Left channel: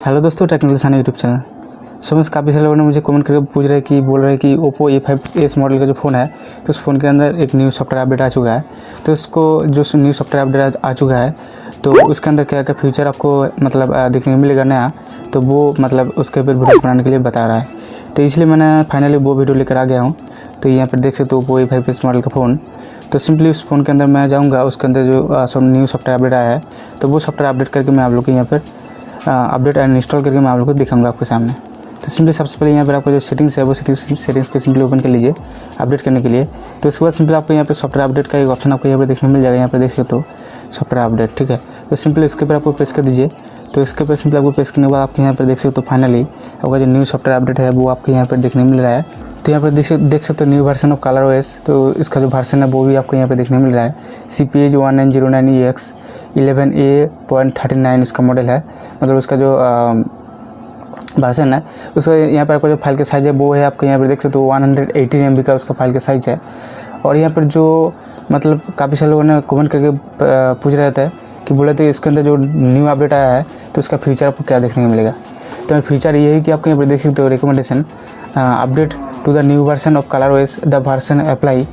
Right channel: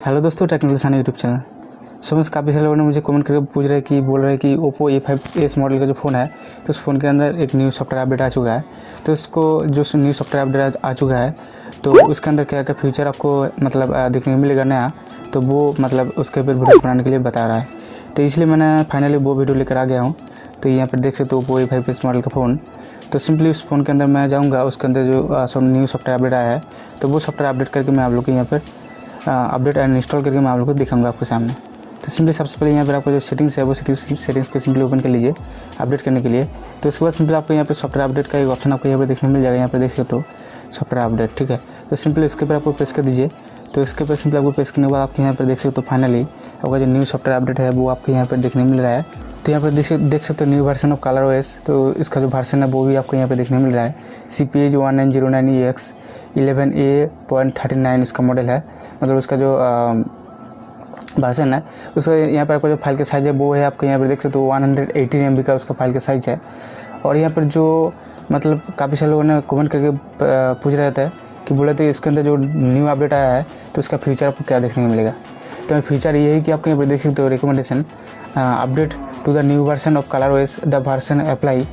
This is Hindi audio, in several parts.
हेलो दोस्तों, टेक्निकल सानू यूट्यूब चैनल। सो काफ़ी सारे लोगों ने मुझे कमेंट करके पूछ रहे कि बोल रहे हैं कि ओप्पो A5s मॉडल का जो फ़ोन है तो उस फ़ोन के अंदर एक न्यू सॉफ्टवेयर अपडेट आ चुका है। तो उसको जो न्यू सॉफ्टवेयर अपडेट आ चुका है तो उसके अंदर क्या क्या फीचर आपको मतलब देखने को मिलेगा नया, तो वो मतलब उसके ऊपर वीडियो बनाने के लिए बता रहा है। तो इसलिए मैंने फाइनली वो वीडियो लेकर आ गया हूँ। तो यहाँ पर देख सकते हो ओप्पो A5s मॉडल का फ़ोन। तो सिंपली उस फ़ोन के अंदर मैं जाऊँगा, उसके अंदर जो न्यू सॉफ्टवेयर अपडेट आया है तो वो सॉफ्टवेयर अपडेट करके मैं आप लोग को यहाँ पर अपडेट एंड इंस्टॉल करके मैं आप लोग को दिखाऊंगा आपके सामने। तो सिंपली सबसे पहले यहाँ पर आपको जो सेटिंग्स है वो सेटिंग्स पे सिंपली ओपन कर लीजिए अपडेट करने के लिए। तो उसके बाद सिंपली आपको यहाँ पे सॉफ्टवेयर अपडेट का एक ऑप्शन आपको यहाँ पर देखने मिल जाएगा। यहाँ पर देख सकते हो सॉफ्टवेयर अपडेट, ठीक है। तो सिंपली इसके ऊपर आपको प्रेस कर दीजिए। तो इसके ऊपर सिंपली आपको प्रेस करने के बाद आपके यहाँ पर देख सकते हो फाइनली आपका जो न्यू सॉफ्टवेयर अपडेट है वो आपको यहाँ पर देखने मिल रहा है। तो यहाँ पर देख सकते हो new version of colour OS। तो इसका जो वर्जन है वो भी आपको यहाँ पर देखने मिल रहा है। CPH 1909EX 11A.39 इसका मॉडल है, मतलब उसका जो वर्जन है। उसका यहाँ पर आपका जो फाइल का साइज़ है वो है आपको यहाँ पर देख सकते हो 118 MB का उसका फाइल का साइज़ है। और यहाँ पर जो मतलब काफ़ी सारे लोगों ने कमेंट करके पूछ रहे थे कि बोले थे इसके अंदर जो न्यू अपडेट आया है तो उसका फीचर आपको क्या देखने को मिलेगा। तो फीचर ये है कि आपको यहाँ पर देख सकते हो recommendation update to the new version of colour OS the version apply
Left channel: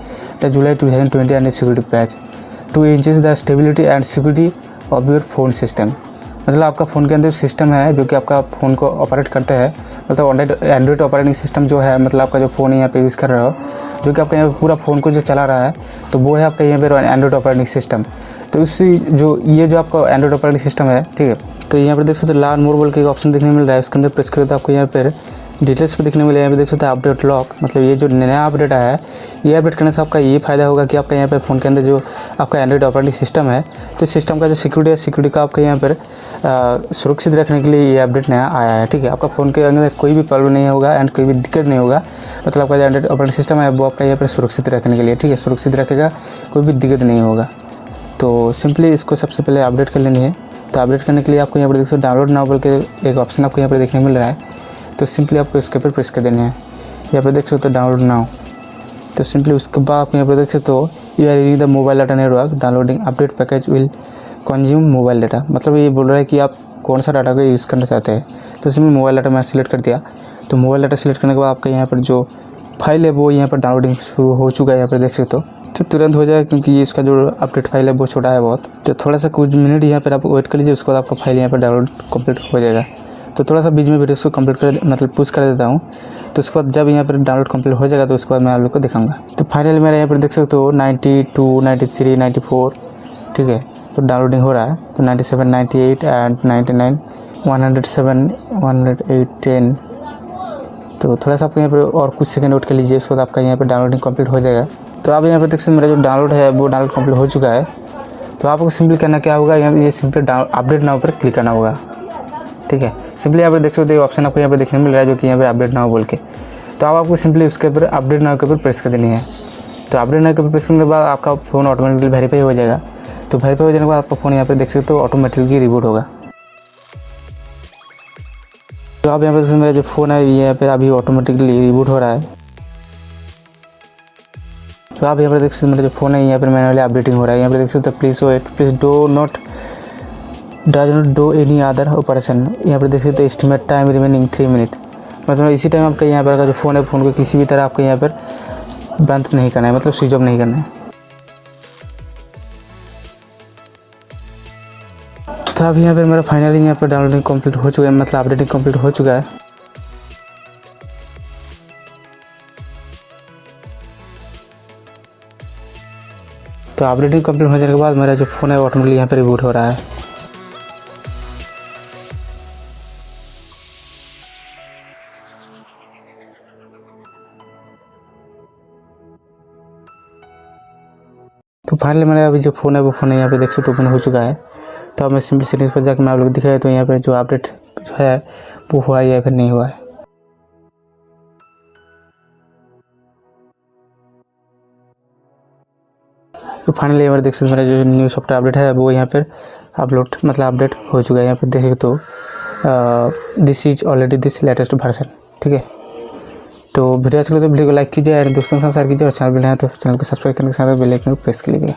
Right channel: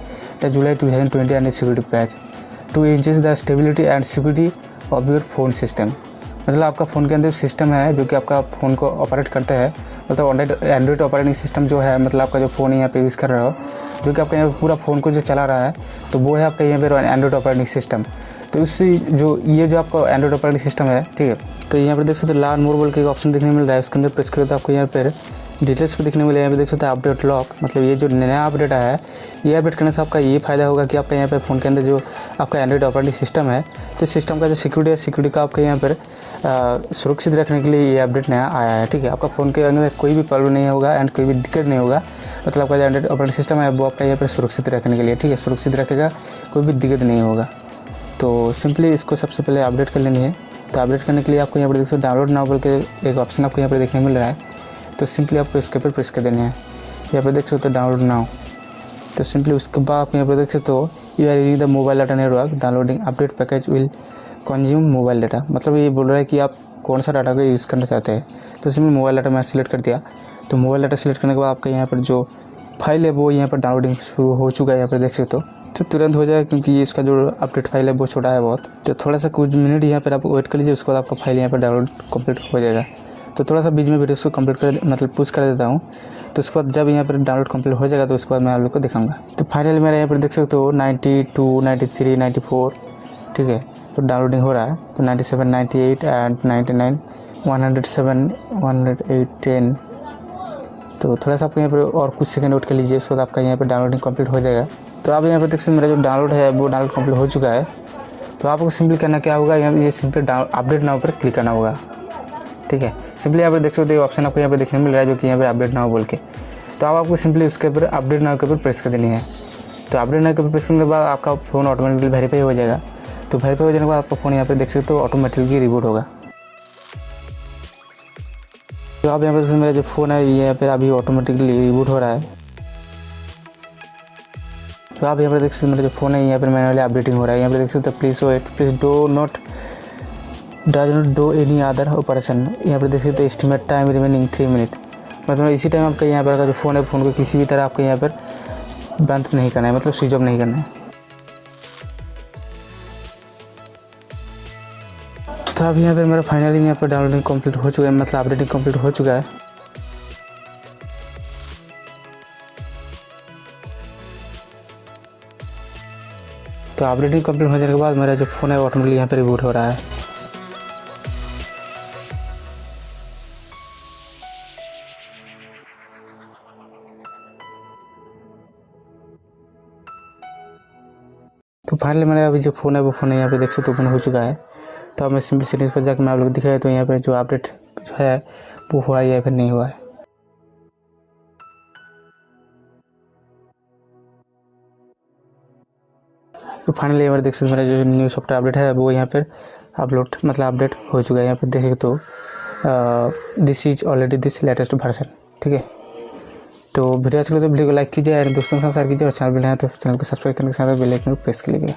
the July 2020 and security patch to increase the stability and security of your phone system. मतलब आपका फ़ोन के अंदर सिस्टम है जो कि आपका फ़ोन को ऑपरेट करता है, मतलब एंड्रॉइड ऑपरेटिंग सिस्टम जो है, मतलब आपका जो फ़ोन यहाँ पे यूज़ कर रहे हो जो कि आपका यहाँ पूरा फ़ोन को जो चला रहा है तो वो है आपका यहाँ पे एंड्रॉइड ऑपरेटिंग सिस्टम। तो इससे ये जो आपका एंड्रॉइड ऑपरेटिंग सिस्टम है, ठीक है। तो यहाँ पर देख सकते हो लर्न मोर बोल के एक ऑप्शन देखने मिल रहा है। उसके अंदर प्रेस करो तो आपको यहाँ पर डिटेल्स पे देखने मिले। यहाँ पे देख सकते हैं अपडेट लॉक, मतलब ये जो नया अपडेट आया है ये अपडेट करने से आपका ये फ़ायदा होगा कि आपका यहाँ पे फ़ोन के अंदर जो आपका एंड्रॉइड ऑपरेटिंग सिस्टम है तो सिस्टम का जो सिक्योरिटी का आपका यहाँ पर सुरक्षित रखने के लिए ये अपडेट नया आया है, ठीक है। आपका फ़ोन के अंदर कोई भी प्रॉब्लम नहीं होगा एंड कोई भी दिक्कत नहीं होगा, मतलब आपका जो एंड्रॉइड ऑपरेटिंग सिस्टम है वो आपका यहाँ पर सुरक्षित रखने के लिए, ठीक है, सुरक्षित रखेगा, कोई भी दिक्कत नहीं होगा। तो सिंपली इसको सबसे पहले अपडेट कर लेनी है। तो अपडेट करने के लिए आपको यहाँ पर देख सकते डाउनलोड नाउ बोल के एक ऑप्शन आपको यहाँ पर देखने मिल रहा है। तो सिंपली आपको इसके ऊपर प्रेस कर देना है। यहाँ पर देख सकते हो डाउनलोड नाउ। तो सिंपली उसके बाद आप यहाँ पर देख सकते हो you are using the mobile data network downloading update package will consume mobile data, मतलब ये बोल रहा है कि आप कौन सा डाटा को यूज़ करना चाहते हैं। तो सिंपली मोबाइल डाटा मैं सिलेक्ट कर दिया। तो मोबाइल डाटा सिलेक्ट करने के बाद आपका यहाँ पर जो फाइल है वो यहाँ पर डाउनलोडिंग शुरू हो चुका है। यहाँ पर देख सकते हो तो तुरंत हो जाएगा क्योंकि इसका जो अपडेट फाइल है वो छोटा है बहुत। तो थोड़ा सा कुछ मिनट यहाँ पर आप वेट कर लीजिए, उसके बाद आपका फाइल यहाँ पर डाउनलोड कंप्लीट हो जाएगा। तो थोड़ा सा बीच में वीडियो को कंप्लीट कर मतलब पुश कर देता हूँ। तो उसके बाद जब यहाँ पर डाउनलोड कंप्लीट हो जाएगा तो उसके बाद मैं आप लोग को दिखाऊंगा। तो फाइनली मेरा यहाँ पर देख सकते हो 92, 93, 94, ठीक है। तो डाउनलोडिंग हो रहा है। तो 97, 98 एंड 99, 107, 108, 10। तो थोड़ा सा आपको यहाँ पर और कुछ सेकंड वेट कर लीजिए, उसके बाद आपका यहाँ पर डाउनलोडिंग कंप्लीट हो जाएगा। तो आप यहाँ पर देख सकते मेरा जो डाउनलोड है वो डाउनलोड कंप्लीट हो चुका है। तो आपको सिंपली करना क्या होगा, यहाँ ये सिंपली अपडेट नाउ पर क्लिक करना होगा, ठीक है। सिंपली यहाँ पर देख सकते हो ऑप्शन आपको यहाँ पर देखने मिल रहा है जो कि यहाँ पर अपडेट नाउ बोल के। तो अब आपको सिंपली उसके ऊपर अपडेट नाउ के ऊपर प्रेस कर देनी है। तो अपडेट नाउ के ऊपर प्रेस करने के बाद आपका फ़ोन ऑटोमेटिकली वेरीफाई हो जाएगा। तो वेरीफाई हो जाने के बाद आपका फ़ोन यहाँ पर देख सकते हो ऑटोमेटिकली रिबूट होगा। तो आप यहाँ पर मेरा जो फ़ोन है ये यहाँ पर अभी ऑटोमेटिकली रिबूट हो रहा है। तो आप यहाँ पर देख सकते मेरा जो फ़ोन है यहाँ पर मैनुअली अपडेटिंग हो रहा है। यहाँ पर देख सकते please wait, please does not do any other operation. यहाँ पर देख सकते एस्टिमेट टाइम रिमेनिंग 3 मिनट, मतलब इसी टाइम आपका यहाँ पर का जो फ़ोन है फ़ोन को किसी भी तरह आपको यहाँ पर बंद नहीं करना है, मतलब स्विच ऑफ नहीं करना है। तो अब यहाँ पर मेरा फाइनली यहाँ पर डाउनलोडिंग कंप्लीट हो चुका है, मतलब अपडेटिंग कंप्लीट हो चुका है। तो अपडेटिंग कंप्लीट हो जाने के बाद मेरा जो फ़ोन है ऑटोमेटिकली यहाँ पर रिबूट हो रहा है। तो फाइनली मेरा अभी जो फ़ोन है वो फ़ोन यहाँ पे देख सकते ओपन हो चुका है। तो अब मैं सिंपल सेटिंग्स पर जाकर मैं आप लोग दिखाया तो यहाँ पे जो अपडेट है वो हुआ है या फिर नहीं हुआ है। तो फाइनली यहाँ पर देख सकते मेरा जो न्यू सॉफ्टवेयर अपडेट है वो यहाँ पर अपडेट हो चुका है। यहाँ पर देख सकते हो this is already this latest version, ठीक है। तो वीडियो अच्छा लगे तो वीडियो को लाइक कीजिए और दोस्तों के साथ शेयर कीजिए और चैनल पर नए हैं तो चैनल को सब्सक्राइब करने के साथ बेल आइकन को प्रेस कर लीजिए।